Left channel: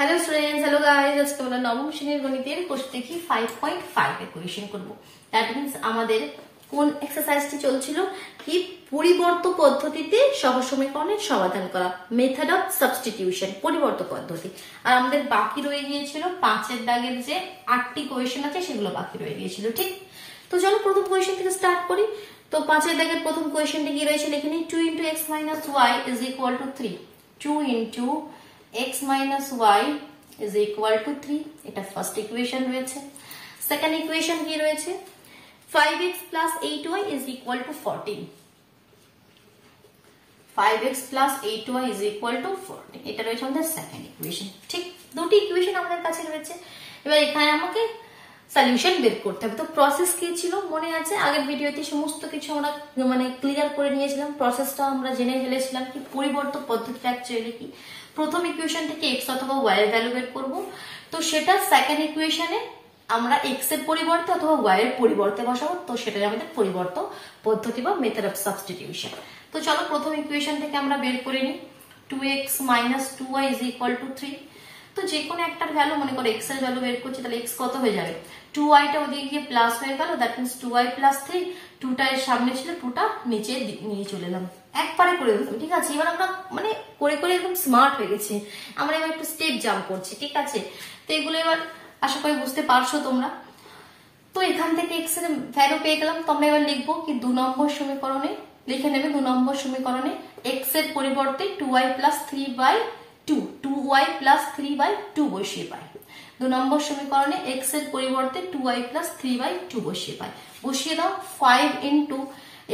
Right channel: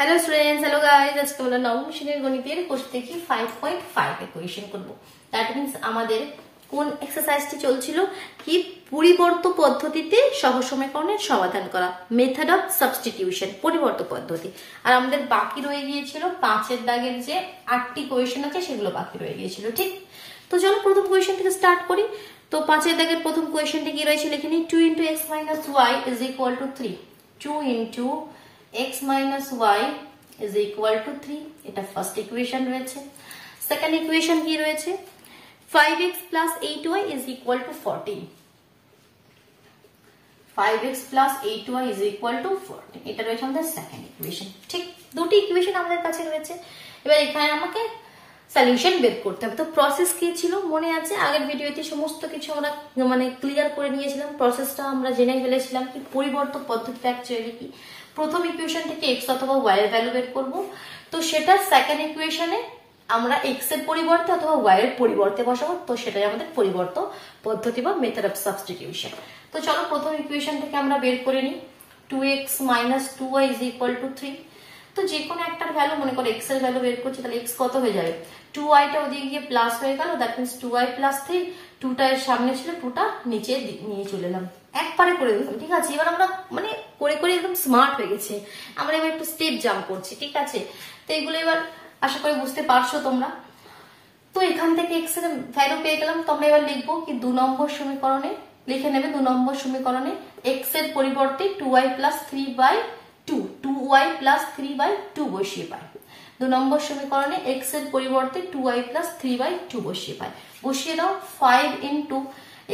Hello students, hello guys. আজকে আমরা নবম শ্রেণীর গণিতের কোর্স থেকে 5.5 এর কোয়েশ্চেন করব। দ্যাট মিন্স আমাদের কোন এক্সারসাইজটি চলছিল কি পরিবর্ত পদ্ধতিতে সহজ সমীকরণের সমাধান করা, মেথড অফ সাবস্টিটিউশন, পরিবর্ত পদ্ধতি। আর আমাদের বাকি রয়ে গিয়েছিল 5 এর দাগের যে 8টি কোয়েশ্চেন আছে সেগুলো বাকি রয়ে গিয়েছিল, ঠিক? তো চলো প্রথম কোয়েশ্চেন থেকে স্টার্ট করি। তো 5 এর দাগের প্রথম কোয়েশ্চেনটি কি রয়েছে লিখে নিই। 2 × x - y = 3। 2 × x minus y is equal to 3. এটা ফার্স্ট ইকুয়েশন রয়েছে। সেকেন্ড ইকুয়েশন কি রয়েছে? 5x plus 8y is equal to 14. 5x plus 8y is equal to 14. এটা রয়েছে আমাদের সেকেন্ড ইকুয়েশন, ঠিক? দুটি ইকুয়েশন আমাদের কাছে রয়েছে। এবার এখানে আমাকে সলিউশন বের করতে হবে। তো প্রসেস কি ছিল মনে আছে? আগের ভিডিওতে সমস্ত কিছু আমরা ক্লিয়ার করে নিয়েছিলাম। প্রসেসটা আমরা জেনে ফেলেছিলাম কি পরিবর্ত পদ্ধতিটা অ্যাকচুয়ালি কি। প্রথম ইকুয়েশন থেকে x অথবা y এর ভ্যালু বের করব। তো সেটা সেকেন্ড ইকুয়েশনে আমরা x এর পরিবর্তে অথবা y এর পরিবর্তে বসাবো। তো সেটাই আমাদের পরিবর্ত পদ্ধতি বা মেথড অফ সাবস্টিটিউশন। তো চলো প্রথম ইকুয়েশন থেকে আমরা বের করে নিই। 2x - 2y = 3। তো যে কোনো একটার ভ্যালু মনে করো x এর ভ্যালু বের করছি, তাহলে x কত হয়ে যাবে? 2y টা ওদিকে গিয়ে প্লাস হয়ে গেল, দ্যাট মিন্স 2y + 3। 2টা এর সামনে ছিল, 2টা নিচে নিয়ে চলে এলাম। একবারে করে দিলাম, ঠিক আছে? এবার আমরা করে করে একদম স্মার্ট হয়ে গেছি। আমরা এবার একটু স্টেপ জাম্প করছি, ঠিক আছে? তো এগুলো এবার আশা করি বুঝতে পারছো তোমরা। তো এখান থেকে x এর ভ্যালু পেয়ে গেলাম। তোমরা এবার লিখবো কি 2 নম্বর সমীকরণে লিখে নেবে। 2 নম্বর সমীকরণে x এর পরিবর্তে 2y + 3/2 2y + 3/2 বসিয়ে পাই। 2 নম্বর সমীকরণে x এর পরিবর্তে 2y + 3/2 বসিয়ে পাই। বসিয়ে দাও 5 ×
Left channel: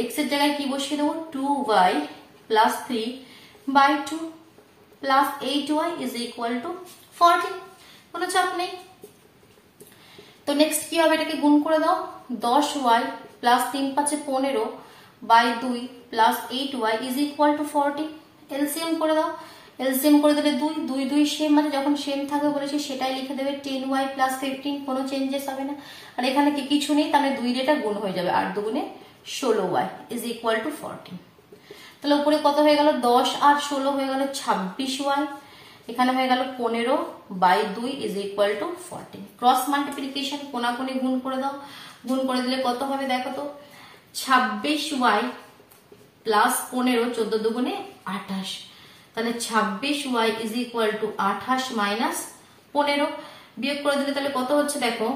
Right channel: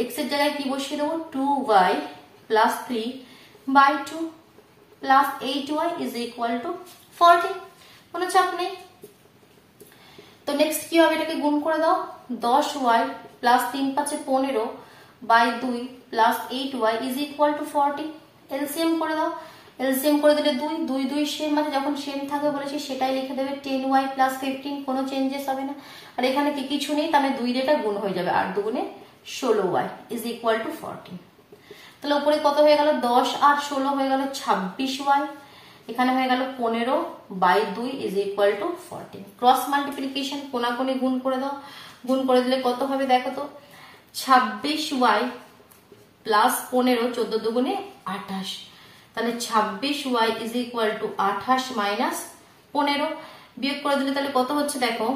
x এর জায়গায় কি বসিয়ে দেবো? 2y + 3/2 + 8y = 40। কোনো চাপ নেই। তো নেক্সট কি হবে? এটাকে গুণ করে দাও। 10y + 3 × 5 = 15/2 + 8y = 40। এলসিএম করে দাও। এলসিএম করে দিলে 2 2 2 সেম আছে, যখন সেম থাকবে বলেছি সেটাই লিখে দেবে। 10y + 15, কোনো চেঞ্জেস হবে না। আর এখানে কি কিছু নেই, তাহলে 2 রেটা গুণ হয়ে যাবে। 8 2 16y = 40। তাহলে উপরে কত হয়ে গেল? 10 আর 16 হয়ে গেল 26y। এখানে হয়ে গেল 15/2 = 40। ক্রস মাল্টিপ্লিকেশন, কোনাকুনি গুণ করে দাও। গুণ করে দিলে কত হবে দেখো তো? 26y + 15 14 2 28। তাহলে 26y = 28 - 15। বিয়োগ করে দিলে তাহলে কত হচ্ছে দেখো?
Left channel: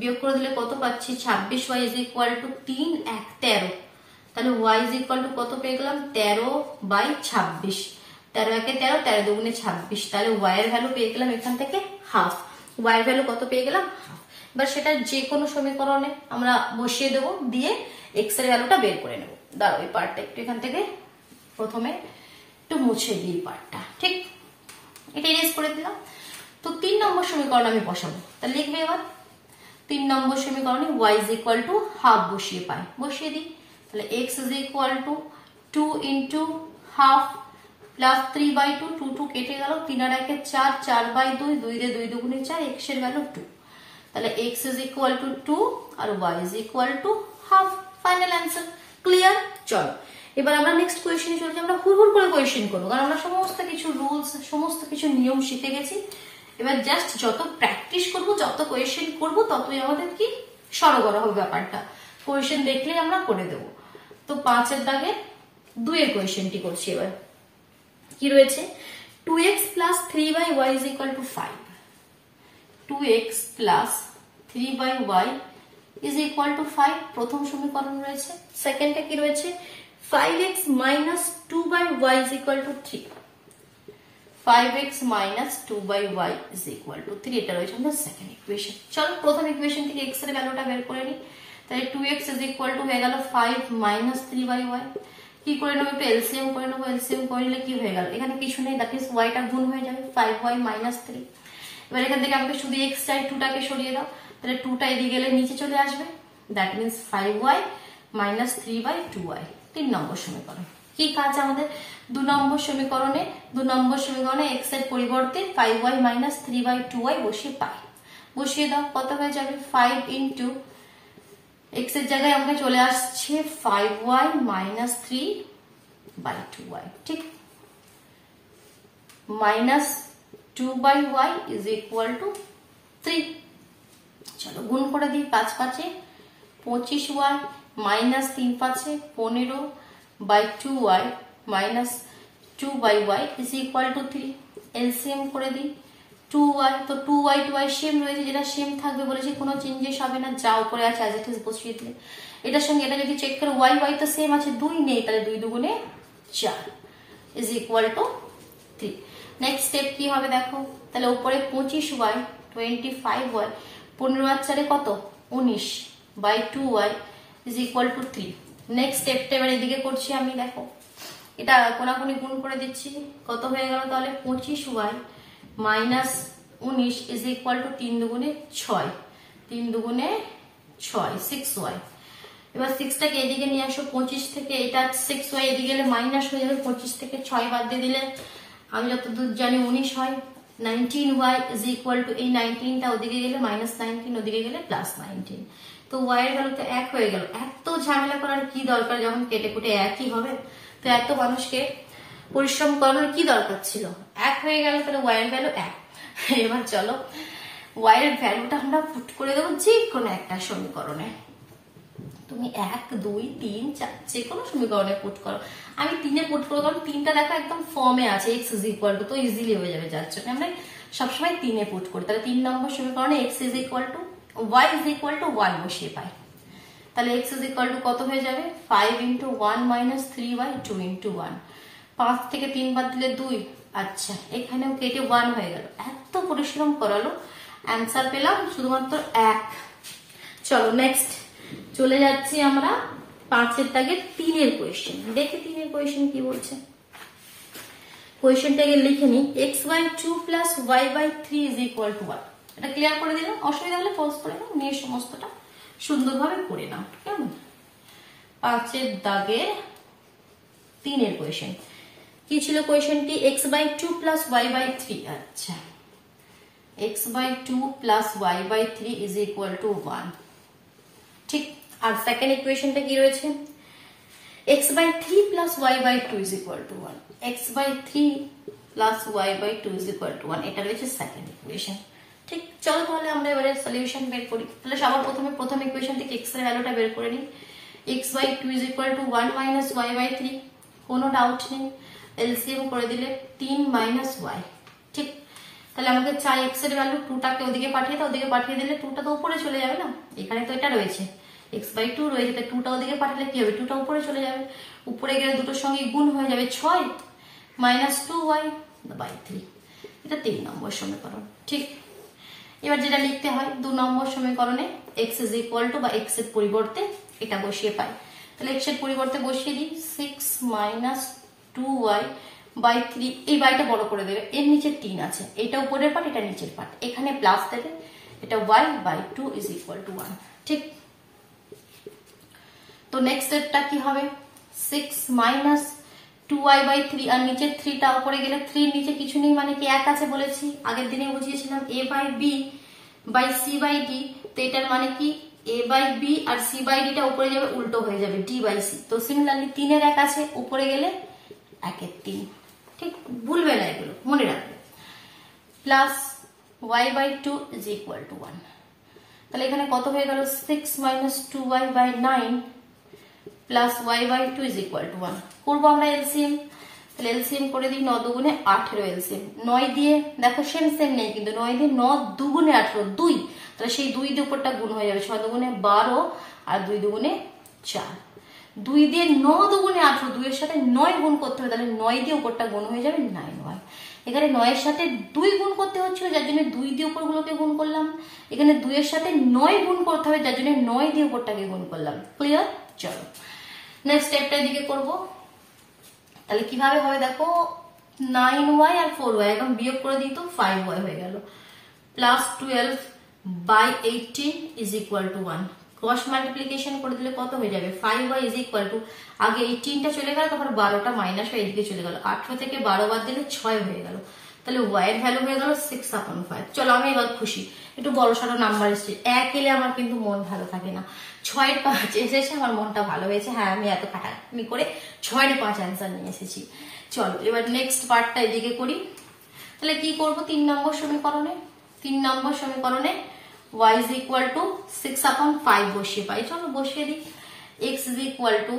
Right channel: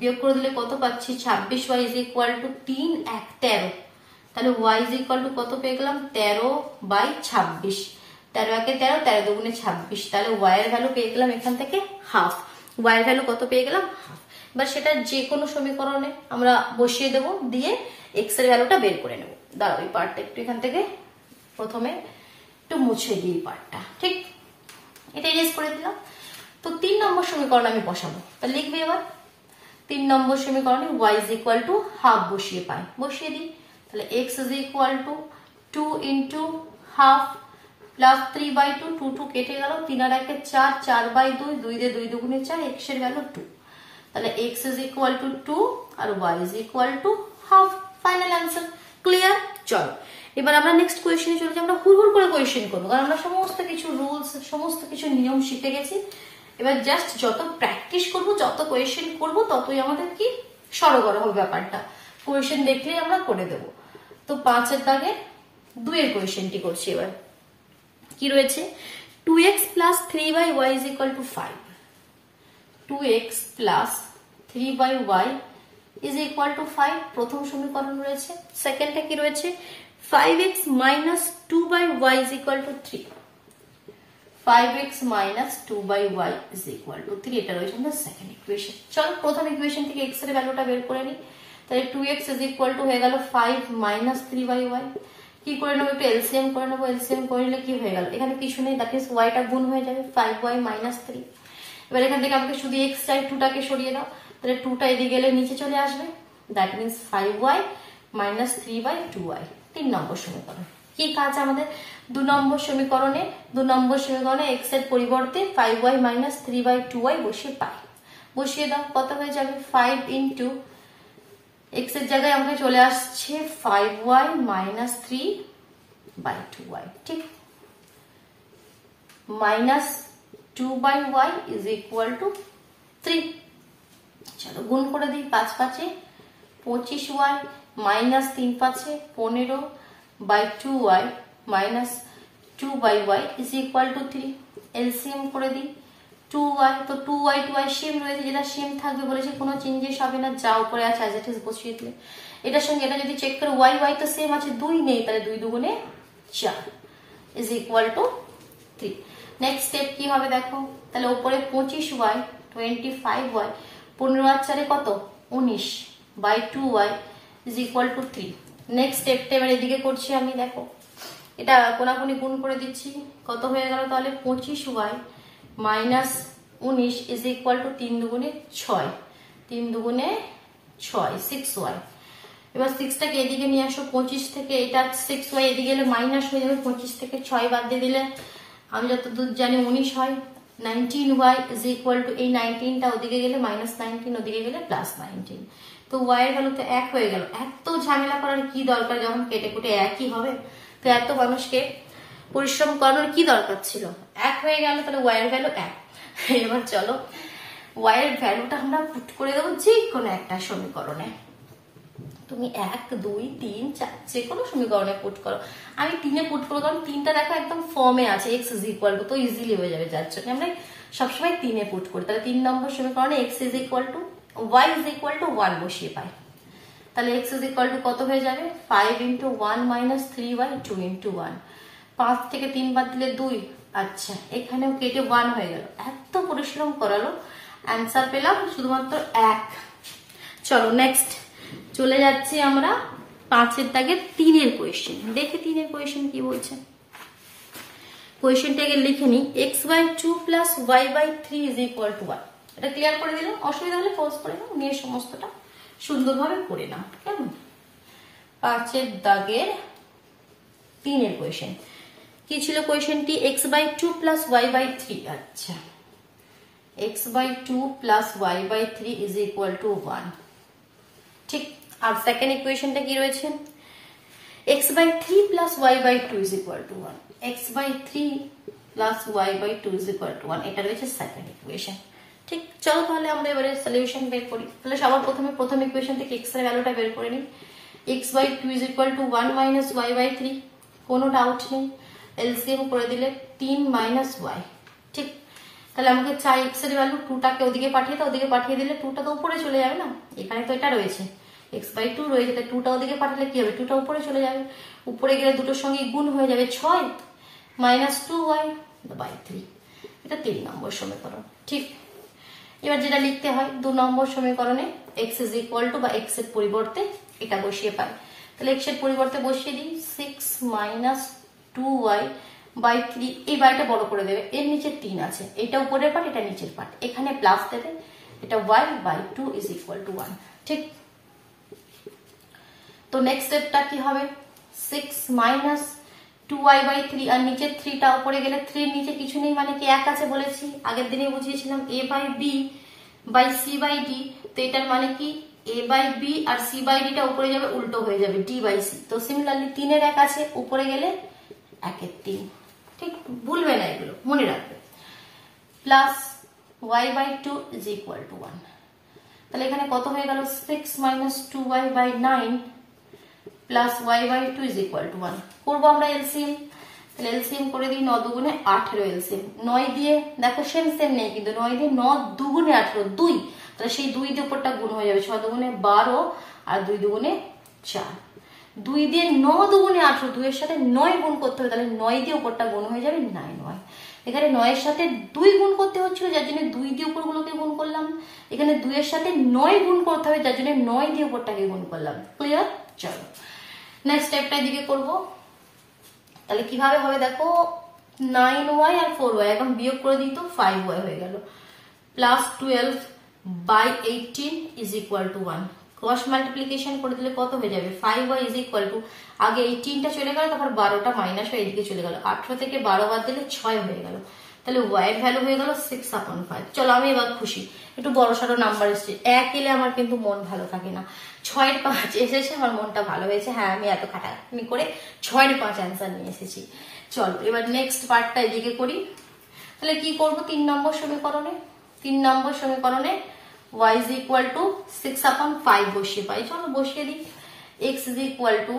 বিয়োগ করে দিলে কত পাচ্ছি? 26y = 3 1 13। তাহলে y = কত পেয়ে গেলাম? 13/26। 13 1 13, 13 2 26। তাহলে y এর ভ্যালু পেয়ে গেলাম এখান থেকে হাফ। y এর ভ্যালু কত পেয়ে গেলাম? হাফ। এবার সেটা যে কোনো সমীকরণে আমরা বসিয়ে দেব, দিয়ে x এর ভ্যালুটা বের করে নেব। দাঁড়াও, এই পার্টটা একটু এখান থেকে প্রথমে একটু মুছে দিই পার্টটা, ঠিক? এটা ইরেজ করে দিলাম। তো 3 নম্বর সমীকরণ আমি বসাবো। তাহলে লিখবে এবার 3 নম্বর সমীকরণে y = হাফ বসিয়ে পাই। বসিয়ে দিই। তাহলে x = 2 × হাফ + 3/2 2 2 কেটে গেল। 3 আর 1 4 4/2 2 রে 2 2 4 x এর ভ্যালু 2। তাহলে x = 2 আর y = half. Final answer. Clear? চল এবার আমরা নেক্সট কোয়েশ্চেনে চলে যাই। আমরা হুড়হুড় করে কোয়েশ্চেন করব, কারণ আমরা সমস্ত কিছু রুলস সমস্ত কিছু নিয়ম শিখে গেছি। এবার জাস্ট যত প্র্যাকটিস করব, যত কোয়েশ্চেন করব, ততই আমাদের কি সরগর হবে ব্যাপারটা। কোয়েশ্চেন দেখলেই আমরা করে দেব। তো 5 এর দাগে 2 এর কোয়েশ্চেনটি করছি। এবার কি রয়েছে? 2x + 3y = 5। 2x + 3y = 5 প্রথম সমীকরণ রয়েছে। সেকেন্ডটা কি রয়েছে? 5x - 2y = 3। 5x - 2y = 3। এটা রয়েছে আমাদের সেকেন্ড ইকুয়েশন। চলো প্রথম ইকুয়েশন থেকে x এর ভ্যালুটা বের করে নিই। তাহলে 2x = হয়ে গেল 5 - 3y। কি করে নেবো? একটু এলসিএম করে নেবো। এলসিএম করে নিলে কি হয়ে গেল? এখানে কিছু নেই, দ্যাট মিন্স y টা গুণ হয়ে যাবে 5y - 3। এবার এখান থেকে আমাকে শুধু x চাই, 2টাকে সরিয়ে দাও। তাহলে 2টা এদিকে গেলে নিচে চলে আসবে, দ্যাট মিন্স 5y - 3/2y। 3 নম্বর সমীকরণ। কি কাজ আমাদের? 2 নম্বর সমীকরণে x এর পরিবর্তে 5y - 3/2y বসিয়ে পাই। বসিয়ে দাও। কত হয়ে যাবে? 5 × x এর জায়গায় আমাকে চলে আসছে 5y - 3/2y, ঠিক? 2/y is equal two 3। চলো গুণ করে দিই, 5 5 25y minus 3 5 15/2y minus 2/y is equal two 3। LCM করে দিই 2y, তো 2y 2y সেম রয়েছে, যেটা সেম থাকবে বলেছে, কোনো চেঞ্জেস হবে না, যা উপরে আছে অ্যাজ ইট ইজ বসিয়ে দিলে। এটার সঙ্গে এটা যদি চেক করে y তো সেম আছে, 2 নেই, তাহলে 2 দুগুণে 4 is equal two 3। Next step কি হবে দেখো, তাহলে উপরে 25y 25y 15 আর 4 কত 19/2y is equal two 3। Next স্টেপটা এবার এদিকে করছি আমি, দেখো এটা কোনাকুনি গুণ করে দিচ্ছি, কত হয়ে গেল তাহলে 25y minus 19 is equal two 3 দুগুণে 6, 3 দুগুণে 6 6y। এবার 6টাকে এদিকে নিয়ে আসো, 25 থেকে এটা 6y এদিকে গেলে মাইনাস হয়ে যাবে, 25 থেকে 6 বাদ দিয়ে দিলে আমি যতদূর জানি 19 হয়। 19y ইজ ইকুয়াল টু, এই 19টা ওদিকে গেলে মাইনাস 19, ওদিকে গেলে প্লাস 19, তো y এর ভ্যালু তো 1 হয়ে গেল। এত ঝামেলা করার কি দরকার, যেমন কেটে কুটে একই হবে, তো এত মানুষকে পরিশ্রম করানোর কি দরকার ছিল, 1 হয়ে গেল, তাহলে y এর ভ্যালু 1। এবার চলো y এর ভ্যালুটা আমরা পুট করে দেবো যে কোনো একটা সমীকরণে, তুমি 1 2 3 4 যে কোনো সমীকরণে পুট করো। আমি 3-এ পুট করবো, কারণ 3টা দেখো একদম ফর্মে আছে, x ইজ ইকুয়াল টু, তো ইজিলি হয়ে যাবে, যার জন্য আমরা সবসময় 3-এ পুট করি। তাহলে 3 নম্বর সমীকরণে x is equal two y is equal to 1 বসিয়ে পাই, তাহলে x ইজ ইকুয়াল টু কত হয়ে যাবে 5 × 1 মাইনাস 3y 2 × 1, 5 থেকে 3 বাদ দিলে 2, আচ্ছা এখানেও কেটে 1 হয়ে গেল। এত পরিশ্রম করালো, অ্যান্সার পেলাম শুধুমাত্র 1। চলো নেক্সট চলে যাচ্ছি আমরা 5-এর দাগের 3-এর কোয়েশ্চেন, দেখে 3-এর কোয়েশ্চেন কি বলছে। কোয়েশ্চেনটাকে লিখে নিই, x/2 plus y/3 is equal to 1। এটা ক্লিয়ার করে দিলাম, অসুবিধা হলে পোস্ট করে নাও, নিয়ে সমস্তটা সুন্দরভাবে করে নাও, কেমন। 5-এর দাগের 3-এর কোয়েশ্চেন কি ছিল, কোয়েশ্চেনটি x/2 প্লাস y/3, আচ্ছা x/2 plus y/3 is equal to 1, ঠিক। আর সেকেন্ড ইকুয়েশনটা কি রয়েছে, x/3 plus y/2 is equal to 1, x/3 plus y/2 is equal to 1, এটা রয়েছে সেকেন্ড ইকুয়েশন, ঠিক। চলো তাহলে আমরা এবারে সলিউশন বের করি। তাহলে সবার প্রথমে প্রথম ইকুয়েশন থেকে x এর ভ্যালুটা বের করে নিই, x/2 is equal to 1 minus y/3, কোনো ডাউট নেই, এলসিএম করে দিলে 3 মাইনাস y, ঠিক। তাহলে আমাকে চাই x এর ভ্যালু, 2টাকে ওদিকে পাঠিয়ে দাও, ওদিকে পাঠিয়ে দিলে 2টা তো উপরে চলে যাবে না, এখানে তো এটা রয়েছে x/2 রয়েছে, তাই 2টা ওদিকে পাঠালে কি হবে, 2টা উপরে চলে যাবে, উপরে গেলে দুটোর সঙ্গে গুণ হয়ে যাবে 6 মাইনাস 2y/3, এটা 3 নম্বর সমীকরণ, ঠিক। এবার যেটা লিখতে হয় 2 নম্বর সমীকরণে x ইজ ইকুয়াল টু, বা x এর পরিবর্তে এটা বসিয়ে পাই, তাহলে x এর পরিবর্তে বসিয়ে দিই 6 মাইনাস 2y/3, এই বাইটা বড় করে দেবে, এর নিচে 3 আছে, এটা উপরের পার্ট, এটা নিচের পার্ট, এখানে প্লাস দেবে, এটা y/2 ইজ ইকুয়াল টু 1, ঠিক। তো নেক্সট স্টেপটা কি হবে, 6 মাইনাস 2y/3, আর নিচে 3টা উপরে গেলে 3 নিচে কিছু নেই, মানে কি 1 আছে বলেছি, আগের দিনে বুঝিয়েছিলাম a/b/c/d, তো এটার মানে কি a/b আর c/d-টা উপরে যাবে, উল্টো হয়ে যাবে d/c, তো সিমিলারলি 3-এর 1 আছে, উপরে গেলে 1-এর 3, ঠিক, ভুলবে না এগুলো, মনে রাখবে, plus y/2 is equal to 1, তাহলে এখানে কত হয়ে গেল 6 minus 2y/9 plus y/2 is equal to 1, করবো আমরা এলসিএম, তাহলে এলসিএম করে দিই, 9 দুগুণে 18 এলসিএম, 9 দিয়ে দেখো সেম নেই কিন্তু 9 দিয়ে 9 দুগুণে 18 2, তাহলে সেই 2 দিয়ে উপরটা গুণ হয়ে যাবে, 6 দুগুণে 12 আর 2 দুগুণে 4, 2 দিয়ে 9 দুগুণে 18, 2 এর সাথে 9 গুণ করতে হবে, তাহলে 9 দিয়ে উপরটা গুণ হয়ে যাবে 9y, এখানে 9 এর সাথে 2 গুণ করতে হচ্ছিল, যার জন্য 2 দিয়ে উপরগুলোকে গুণ করলাম, এখানে 2 এর সাথে 9 গুণ করতে হবে, যার জন্য 9 দিয়ে উপরটাকে গুণ করলাম, ক্লিয়ার। চলো নেক্সট স্টেপটা দিকে করব, তাহলে কিভাবে হবে দেখো, 9y আর 4y এখন বিয়োগ করে দিই, তো 5y হয়ে গেল, plus 12/18 is equal to 1, cross multiplication করে দিলে কত হয়ে যাবে, 5y ইজ ইকুয়াল টু, আগে 18টা চলে গেল, তারপর 12টা মাইনাস হয়ে এদিকে চলে গেল, 18 থেকে 12 বাদ দিলে 6 হয়ে গেল, তাহলে y এর ভ্যালু হয়ে গেল 6/5। চলো আমি এবার খুশি, একটু বড় সড়ো নাম্বার এসেছে, 1 এলে আমার কিন্তু মন ভালো থাকে না, 6-এর 5 এসেছে, আমার মনটা ভালো হয়েছে, হ্যাঁ আমি এত খাটাখাটনি করে 6-এর 5 অ্যান্সার নিয়ে এসেছি। চলো এবার নেক্সট পার্টটা এদিকে করি, তাহলে কি করব 3 নম্বর সমীকরণে, 3 নম্বর সমীকরণে y is equal to 6/5 বসিয়ে পাই, চলো বসিয়ে দিই। x is equal to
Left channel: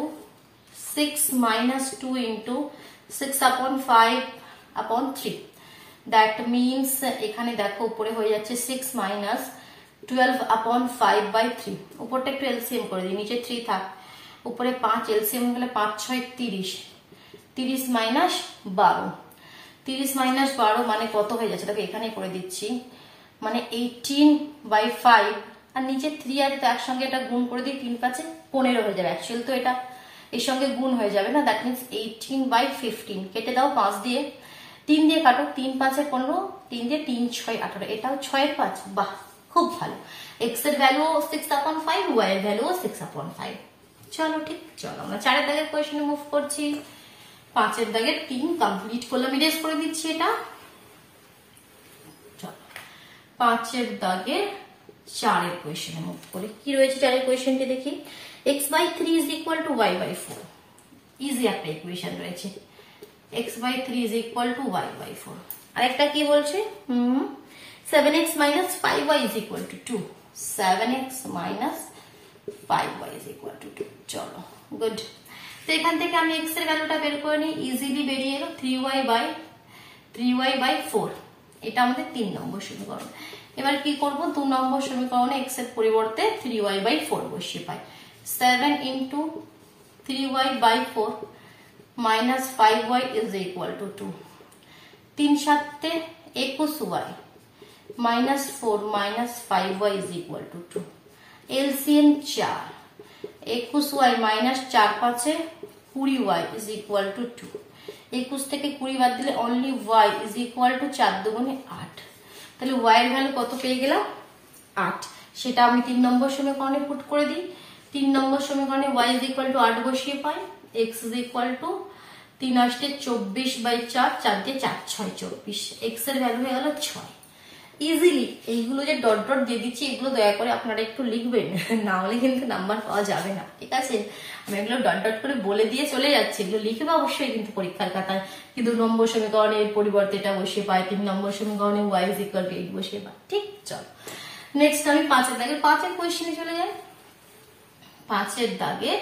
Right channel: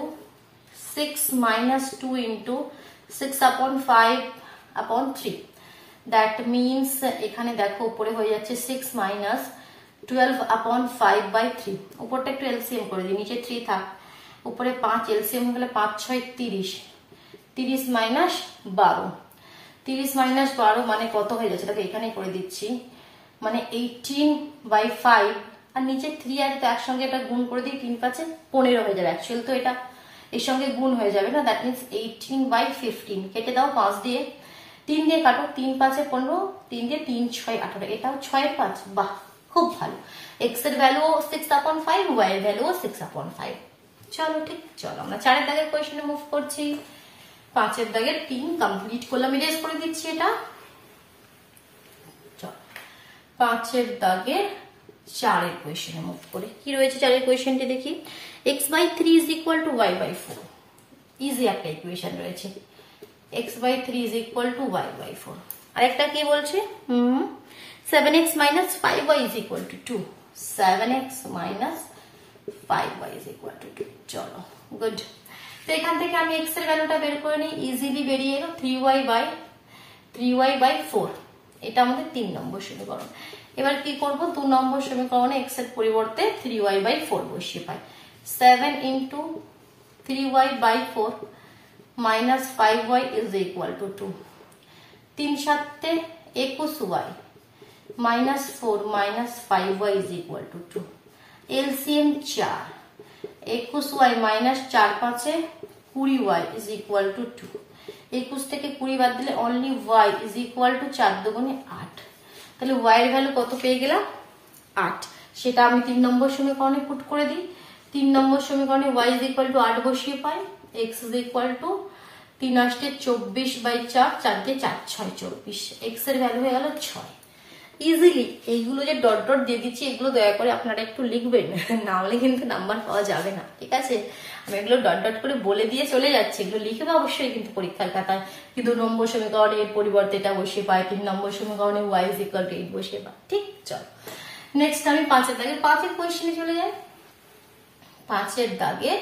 6 minus 2 into 6/5/3, that means এখানে দেখো উপরে হয়ে যাচ্ছে 6 minus 12/5/3, উপরটা একটু এলসিএম করে দিই, নিচে 3 থাক, উপরে 5 এলসিএম হলে 5 6 30, 30 মাইনাস 12, 30 মাইনাস 12 মানে কত হয়ে যাচ্ছে দেখো এখানে করে দিচ্ছি, মানে 18/5, আর নিচে 3 আর তো একসঙ্গে এটা গুণ করে দিই, 3 5 15 হয়ে যাবে, অ্যাকচুয়াল তো এটা এর সঙ্গে গুণ হয়ে যাবে না, দ্যাট মিনস 18/15, কেটে দাও 5 দিয়ে, 3 দিয়ে কাটো, 3 5 15, 3 দিয়ে 3 6 18, এটাও 6 5, বাহ খুব ভালো। x এর ভ্যালু 6/5, y এর ভ্যালু 6/5। চলো ঠিক, চলো আমরা 4 এর দাগের কোয়েশ্চনে মুভ করছি। 5 এর দাগের 3 কমপ্লিট করলাম, ইরেজ করে দিচ্ছি এটা। চলো 5 এর দাগের 4 এর কোয়েশ্চনে মুভ করি। কি রয়েছে 4 এর কোয়েশ্চনটি দেখি। x/3 is equal to y/4, easy একটা ইকুয়েশন রয়েছে, x/3 is equal to y/4। আরেকটা কি বলছে 7x minus 5y is equal to 2, 7x minus 5y is equal to 2। চলো গুড, তো এখান থেকে আমি x এর ভ্যালুটা বের করে নিই, ইজিলি বেরিয়ে এলো 3y/4, এটা আমাদের 3 নম্বর সমীকরণ। এবার কি করব 2 নম্বর সমীকরণে x এর পরিবর্তে 3y/4 বসিয়ে পাই, 7 into 3y/4 minus 5y is equal to 2, 3 7 21y minus 4 minus 5y is equal to 2, LCM 4, 21y minus 4 5 20y is equal to 2, 21 থেকে 20 বাদ দিলে only y is equal to 4 দুগুণে 8, তাহলে y এর ভ্যালু কত পেয়ে গেলাম 8, সেটা আমি 3 নম্বর সমীকরণে পুট করে দিই। 3 নম্বর সমীকরণে y is equal to 8 বসিয়ে পাই, x is equal to 3 আসছে 24/4, 4 দিয়ে 4 6 24, x এর ভ্যালু হয়ে গেল 6। ইজিলি এইগুলো যে ডট ডট দিয়ে দিচ্ছি এগুলো দয়া করে আপনারা একটু লিখবেন, না হলে কিন্তু নাম্বার পাওয়া যাবে না, ঠিক আছে। আমি এগুলো ডট ডট করে বলে দিয়ে চলে যাচ্ছি, এগুলো লিখবে অবশ্যই কিন্তু পরীক্ষার খাতায়। 2 নম্বর সমীকরণের পরিবর্তে এটা বসিয়ে পাই, 3 নম্বর সমীকরণে y is equal to 8 বসিয়ে পাই, ঠিক। চল নেক্সট আমি 5 এর দাগে 5 এর কোয়েশ্চেনে চলে যাই। 5 এর দাগে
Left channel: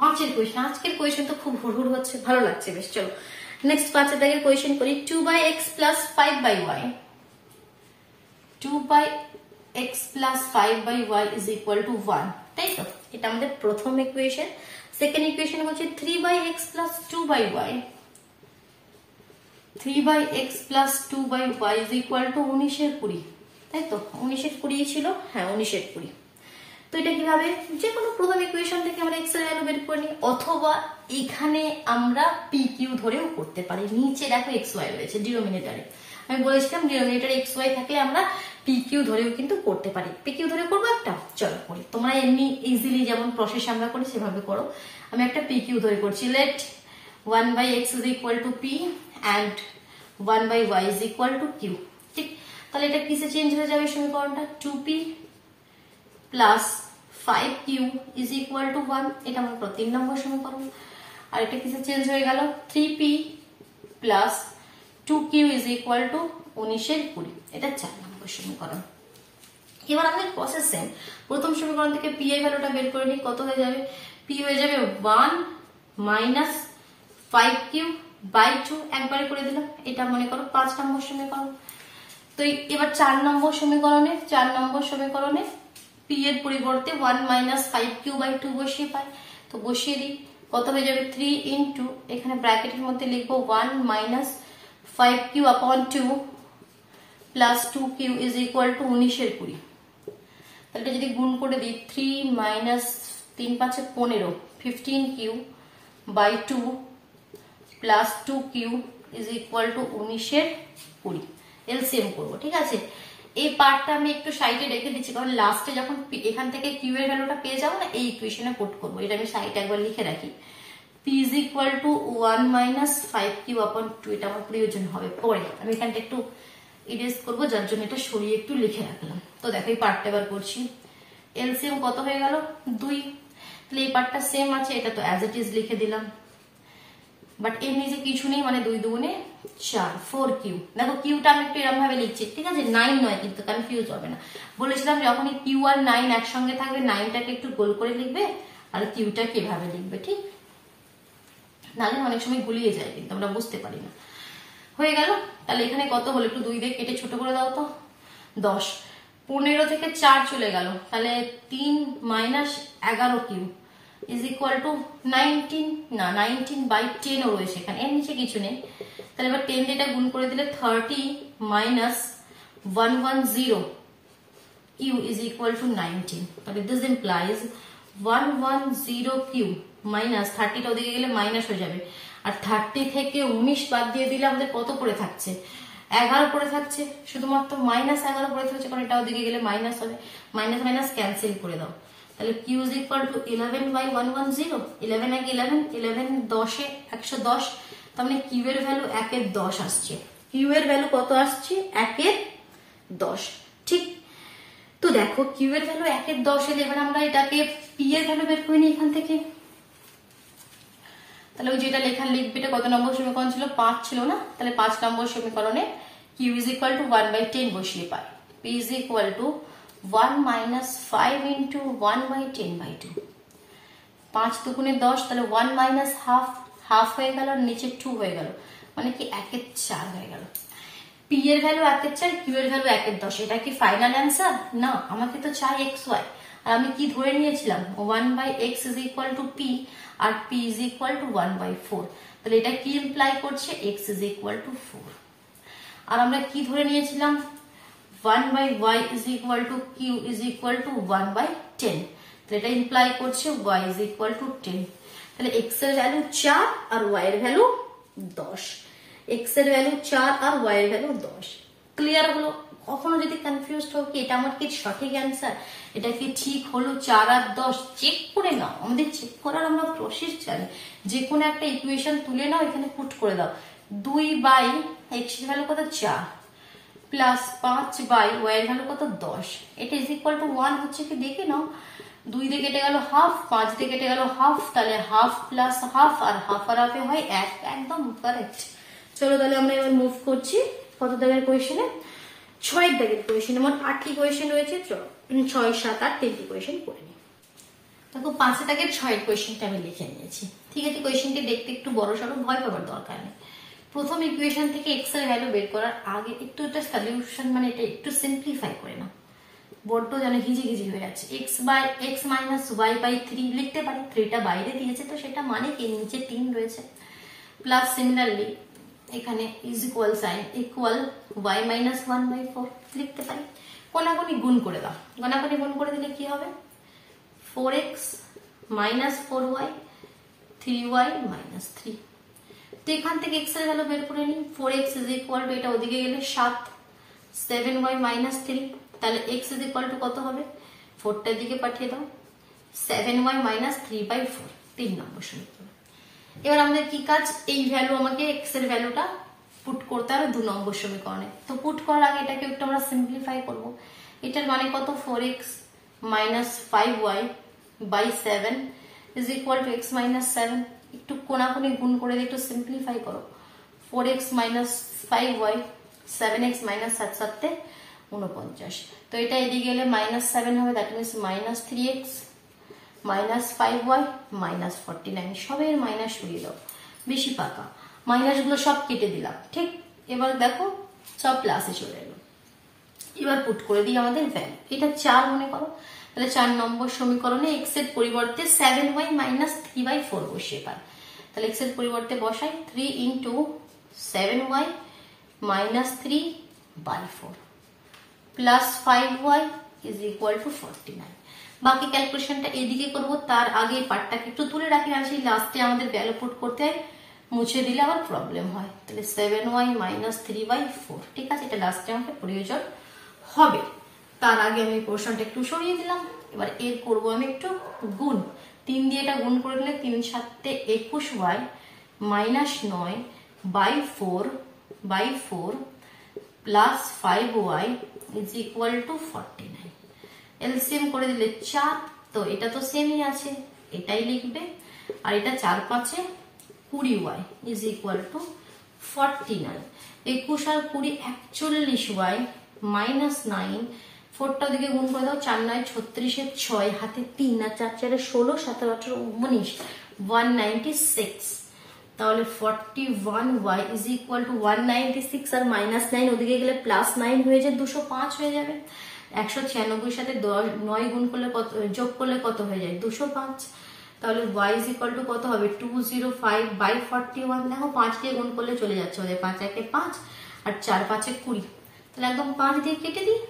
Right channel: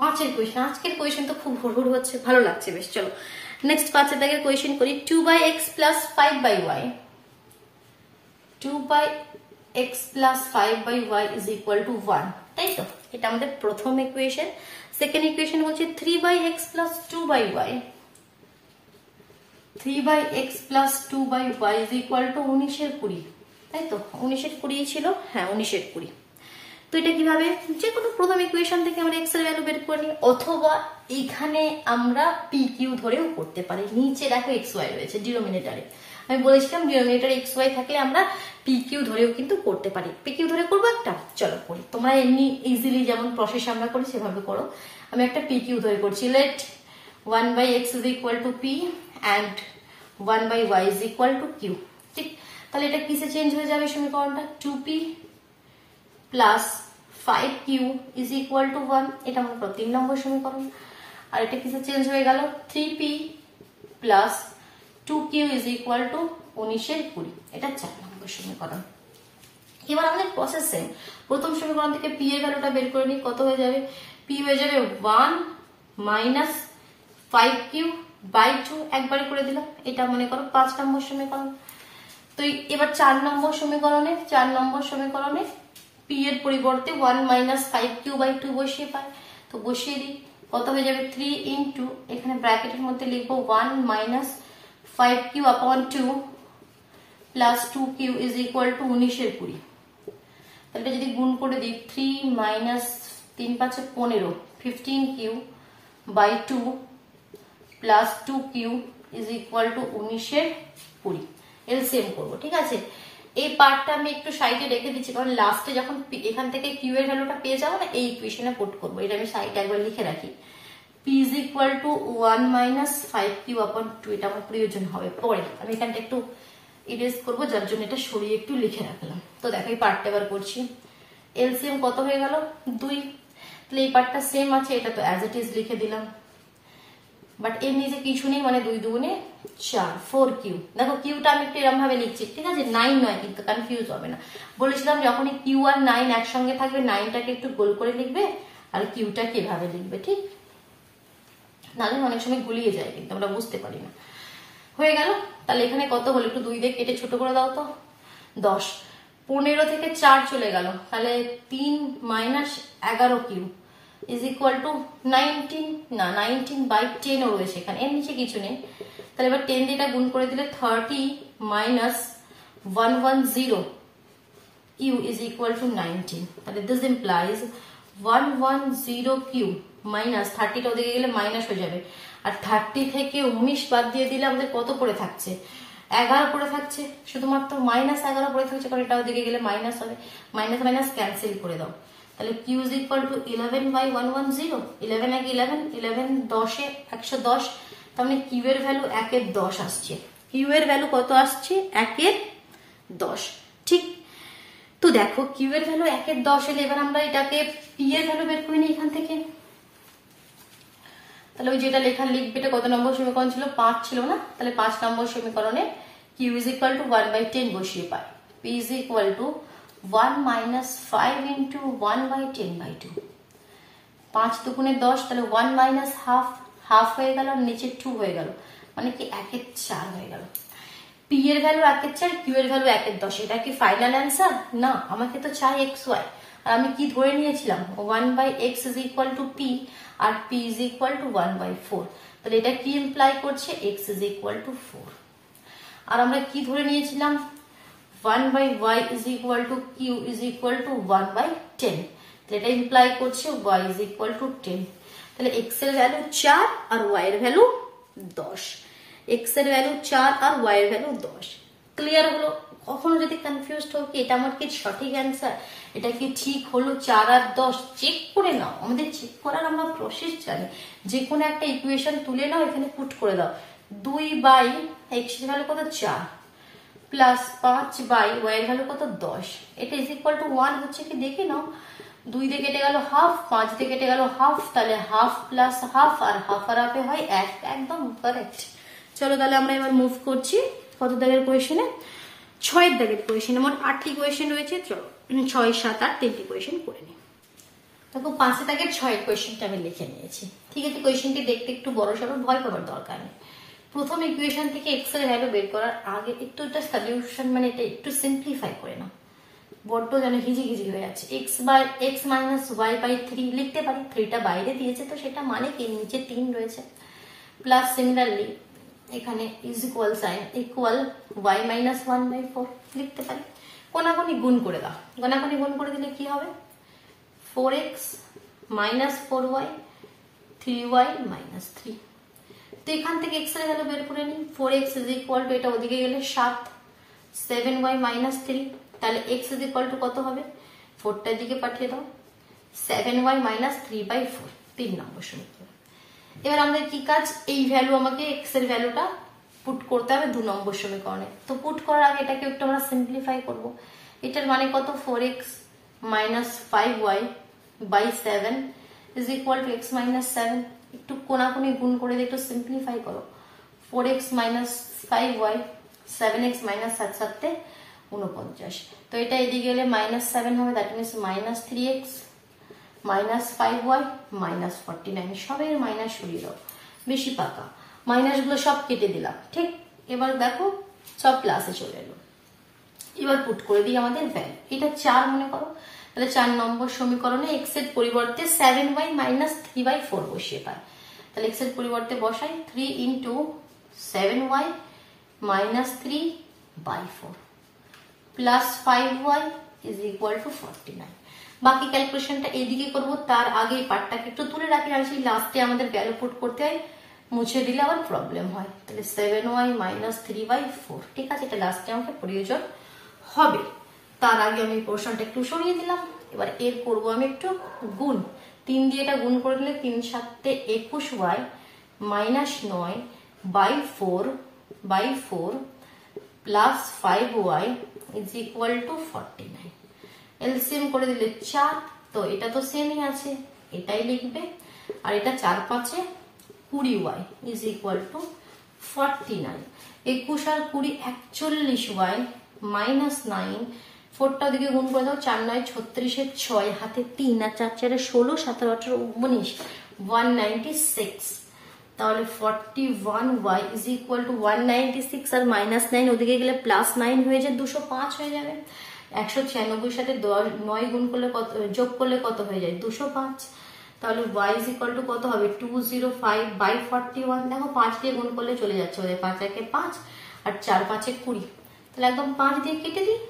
5 এর কোয়েশ্চেন, আজকের কোয়েশ্চেন তো খুব হুড়হুড় হচ্ছে, ভালো লাগছে বেশ। চলো নেক্সট 5 এর দাগের কোয়েশ্চেন করি। 2/x plus 5/y, 2/x plus 5/y is equal to 1, তাই তো, এটা আমাদের প্রথম ইকুয়েশন। সেকেন্ড ইকুয়েশন হচ্ছে 3/x plus 2/y, 3/x plus 2/y is equal to 19 এর 20, তাই তো, 19 এর 20 ছিল, হ্যাঁ 19 এর 20। তো এটা কিভাবে, যে কোনো প্রথম ইকুয়েশন থেকে আমরা x এর ভ্যালু বের করে নিই, অথবা এখানে আমরা pq ধরেও করতে পারি। নিচে দেখো xy রয়েছে ডিনোমিনেটরে, আমি বলেছিলাম ডিনোমিনেটরে xy থাকলে আমরা pq ধরেও কিন্তু করতে পারি। pq ধরে করবো একটা, চলো করি, তোমরা এমনি ইজিলি যেমন প্রসেস আমরা করি সেভাবে করো। আমি একটা pq ধরে করছি, late 1/x is equal to p and 1/y is equal to q, ঠিক। তাহলে এটা কিসে চেঞ্জ হয়ে যাবে সমীকরণটা, 2p plus 5q is equal to 1, এটা আমার 3 নম্বর সমীকরণ। আর এটা কিসে চেঞ্জ হয়ে গেল, 3p plus 2q is equal to 19 এর 20, এটা 4 নম্বর সমীকরণ। এবার আমাদের প্রসেস সেম, প্রথম সমীকরণ থেকে p এর ভ্যালুটা বের করে নিই, কত হয়ে যাবে, p হয়ে যাবে 1 minus 5q by 2, একবারে করে দিলাম, এটা মনে করো 5 নম্বর সমীকরণ। তো এবার 4 নম্বর সমীকরণে p এর পরিবর্তে 1 minus 5q by 2 বসিয়ে পাই, তো বসিয়ে দিই, কত হয়ে যাবে 3 into, এখানে ব্র্যাকেটের মধ্যে লিখবো 1 minus 5q upon 2 plus 2q is equal to 19 এর 20। তাহলে যদি গুণ করে দিই, 3 minus 3 5 15, 15q by 2 plus 2q is equal to 19 এর 20, এলসিএম করবো, ঠিক আছে। এই পার্টটা আমি একটু সাইডে রেখে দিচ্ছি, কারণ লাস্টে যখন এখান থেকে কিউ এর ভ্যালুটা পেয়ে যাবো না, এই ইকুয়েশনে পুট করবো, এটা আমি সাইডে একবার লিখে রাখি। p is equal to 1 minus 5q upon 2, এটা আমার প্রয়োজন হবে পরে, আমি এখানটা একটু ইরেজ করবো, যার জন্য এটা সরিয়ে একটু লিখে রাখলাম। তো দেখো এই পার্টটা এবার করছি, এলসিএম কত হয়ে গেল 2, তাহলে এই পার্টটা সেম আছে, এটা তো অ্যাজ ইট ইজ লিখে দিলাম, বাট এর নিচে কিছু নেই, মানে 2 দুগুণে 4, 4 কিউ। দেখো কিউটা আমি একটু এরকম ভাবে লিখছি, ঠিক আছে, 9 নয় কিন্তু, কনফিউজ হবে না। বলেছিলাম যখনই কিউ আর 9 একসঙ্গে থাকবে 9টাকে একটু গোল করে লিখবে আর কিউটাকে এভাবে লিখবে, ঠিক, নাহলে অনেক সময় গুলিয়ে যায় কিন্তু আমরা বুঝতে পারি না। হয়ে গেল। তাহলে এখানে কত হলো, একটু 2 দিয়ে কেটে ছোট করে দাও তো, 10। 15 থেকে 4 চলে গেল, তাহলে 3 minus 11 Q is equal to 19, না 19/10 ও রয়েছে এখানে, এর নিচে কিছু নেই। তাহলে এবার 10 দিয়ে গুণ করে দিলে 30 minus 110 Q is equal to 19। তাহলে দিস ইমপ্লাইজ 110 কিউ মাইনাস 30টা ওদিকে গেলে মাইনাস হয়ে যাবে, আর 30 থেকে 19 বাদ দিয়ে দিলে আমাদের কত পড়ে থাকছে, 11 পড়ে থাকছে, শুধুমাত্র মাইনাস 11 পড়ে থাকছে, কারণ এটা ওদিকে গেলে মাইনাস হবে, মাইনাস মাইনাস ক্যান্সেল করে দাও। তাহলে কিউ ইজ ইকুয়াল টু 11/110, 11 এক 11, 11 10 110, তার মানে কিউ এর ভ্যালু 1/10 আসছে। কিউ এর ভ্যালু কত আসছে, 1/10, ঠিক। তো দেখো কিউ এর ভ্যালু 1/10 এলে এবার আমরা এটাকে পি এর ভ্যালু বের করে নিই এখান থেকে। তাহলে ওই যেটা লেখা লিখবে, এটা কত নম্বর সমীকরণ ছিল, 5 ছিল না, তাহলে 5 নম্বর সমীকরণে কিউ ইজ ইকুয়াল টু 1/10 বসিয়ে পাই, p is equal to 1 minus 5 into 1/10/2, 5 দুগুণে 10, তাহলে 1 মাইনাস হাফ, হাফ হয়ে গেল, নিচে 2 হয়ে গেল, মানে কি 1/4 হয়ে গেল। পি এর ভ্যালু 1/4, কিউ এর ভ্যালু 1/10, এটা কি ফাইনাল অ্যান্সার? না, আমাকে তো চাই এক্স ওয়াই, আর আমি কি ধরে নিয়েছিলাম 1/x is equal to P, আর পি ইজ ইকুয়াল টু 1/4, তাহলে এটা কি ইমপ্লাই করছে, এক্স ইজ ইকুয়াল টু 4। আর আমরা কি ধরে নিয়েছিলাম 1/y is equal to Q is equal to 1/10, তাহলে এটা ইমপ্লাই করছে y ইজ ইকুয়াল টু 10। তাহলে x এর ভ্যালু 4 আর y এর ভ্যালু 10, x এর ভ্যালু 4 আর y এর ভ্যালু 10। ক্লিয়ার হলো? কখনো যদি কনফিউজ হও কি এটা আমার কি সঠিক অ্যান্সার, এটা কি ঠিক হলো 4 আর 10, চেক করে নাও। আমাদের চেক করার আমরা প্রসেস জানি, যে কোনো একটা ইকুয়েশন তুলে নাও, এখানে পুট করে দাও, 2/x এর ভ্যালু কত 4 প্লাস 5/y এর ভ্যালু কত 10, এটা ইজ ইকুয়াল টু 1 হচ্ছে কি দেখে নাও। 2 দিয়ে কেটে গেল হাফ, 5 দিয়ে কেটে গেল হাফ, তাহলে হাফ প্লাস হাফ, আর হাফ আর হাফে হয় 1, একদম কারেক্ট। চলো তাহলে আমরা এবার মুভ করছি কত দাগের কোয়েশনে, 6 দাগের কোয়েশনে। মোট 8টি কোয়েশন রয়েছে, 6, 7, 8 3টি কোয়েশন করে নিই। দেখো 5 দাগের 6 কোয়েশনটা আমি লিখে নিয়েছি, ঠিক আছে। কোয়েশনটি দেখতে একটু বড় সড়ো, ভয় পাবার দরকার নেই। প্রথম ইকুয়েশন থেকে এক্স এর ভ্যালু বের করার আগে একটু এটা সলিউশন, মানে এটা একটু সিম্পলিফাই করে নাও, বড্ড যেন ঘিজি ঘিজি হয়ে যাচ্ছে। x মাইনাস y/3 লিখতে পারি, 3টা বাইরে দিয়েছে তো সেটা মানে কি নিচে 3 রয়েছে, প্লাস সিমিলারলি এখানে is equal sign equal y minus 1/4 লিখতে পারি। কোনাকুনি গুণ করে দাও, কোনাকুনি গুণ করে দিলে কি হবে, 4x minus 4y 3y minus 3। তো এখান থেকে x এর ভ্যালু বের করে নিই, 4x ইজ ইকুয়াল টু, এটা ওদিকে গেলে 7, 7y মাইনাস 3, তাহলে x ইজ ইকুয়াল টু কত হবে, 4টার দিকে পাঠিয়ে দাও, 7y মাইনাস 3/4, 3 নম্বর সমীকরণ। এবার আমাদের কি কাজ, এই ভ্যালু আমাকে x এর ভ্যালুটা পুট করতে হবে 2 নম্বর সমীকরণে। তো পুট করার আগে এটাকে একটু আমরা সিম্পলিফাই করব। এটার মানে কত, 4x minus 5y/7 is equal two x minus 7, একটু কোনাকুনি গুণ করে দিয়ে একটু সিম্পলিফাই করো, 4x minus 5y, 7x minus 7 7 49, তো এটা এদিকে গেলে মাইনাস 7 হবে, that means minus 3x minus 5y minus 49, সবের মাইনাস সরিয়ে দাও, বেশি পাকা মাইনাস গুলো সব কেটে দিলাম, ঠিক। এবার দেখো সব প্লাসে চলে এলো। এবার পুট করে দিই আমাদের ভ্যালু, এটা 4 মনে করো, তাহলে 4 নম্বর সমীকরণে x এর পরিবর্তে 7y মাইনাস 3/4 বসিয়ে পাই, তাহলে x এর পরিবর্তে বসাই 3 into 7y minus 3/4 plus 5y is equal to 49। বাকি ক্যালকুলেশনটা এইদিকে করবো, তার আগে এই পার্টটাকে একটু তুলে রাখি, আর সেই লাস্টে আমাদের ভ্যালু পুট করতে হয়, মুছে দিলে আবার প্রবলেম হয়। তাহলে 7y মাইনাস 3/4, ঠিক আছে, এটা লাস্টে আমাকে প্রয়োজন হবে। তার আগে আমি পোর্শনটা একটু সরিয়ে দিলাম। এবার এর করবো আমি একটু গুণ, 3 দিয়ে এটা গুণ করে নিলে 3 7 21y minus 9/4 plus 5y is equal to 49। LCM করে দিলে 4, তো এটা তো সেমই আছে, এটাই লিখবে, আর এটা 4 5 20y ইজ ইকুয়াল টু 49। 21 আর 20 41y মাইনাস 9, 4টা দিকে গুণ করে দাও, 4 9 36 এর 6 হাতে 3 আর 4 4 16 17 18 19 196। তাহলে 41y ইজ ইকুয়াল টু 196 আর মাইনাস 9 ওদিকে গেলে প্লাস 9 হয়ে যায় 205 হয়ে যাবে। 196 সাথে 9 গুণ করলে কত, যোগ করলে কত হয়ে যায় 205। তাহলে y ইজ ইকুয়াল টু কত হবে 205/41। দেখো 5 দিয়ে গুণ করলে চলে যাচ্ছে, ওদের 5 একে 5 আর 4 5 এ 20, তাহলে একদম 5 দিয়ে কেটে দিই